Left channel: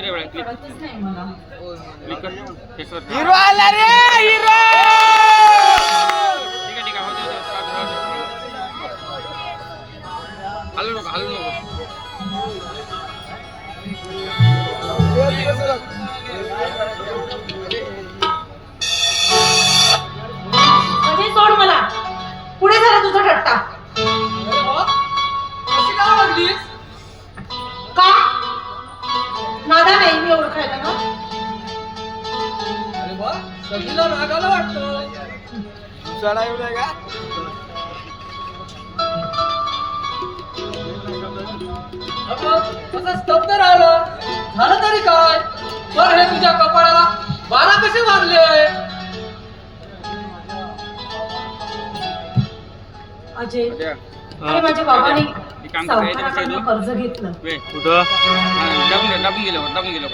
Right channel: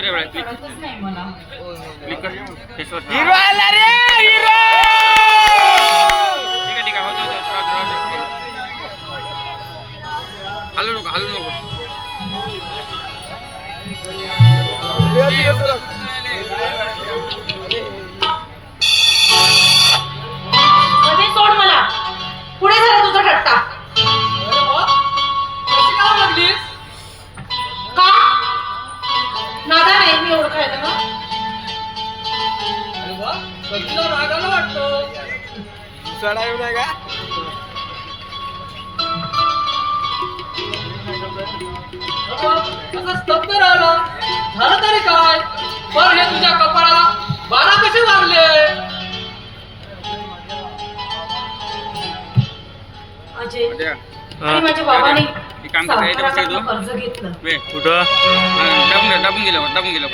कर रे click click कर फेसवर hero आला रे हिरो ठीक आहे हो हलू नको म्हणजे सोड मला पुढे झाला तुझा ठट्टा का नादा नाही मी ओळखायला ना रागाला वाटतो सडा येऊ नये का कसा स्तब्ध राहिला झालं तरी काय पर हे तुझ्या कपाळाला 12 कसे मारले अजय आणि माझ्या बाबाने काम करायचं बस तू कर्ज घेतलं बे कुठं दाबून गेलो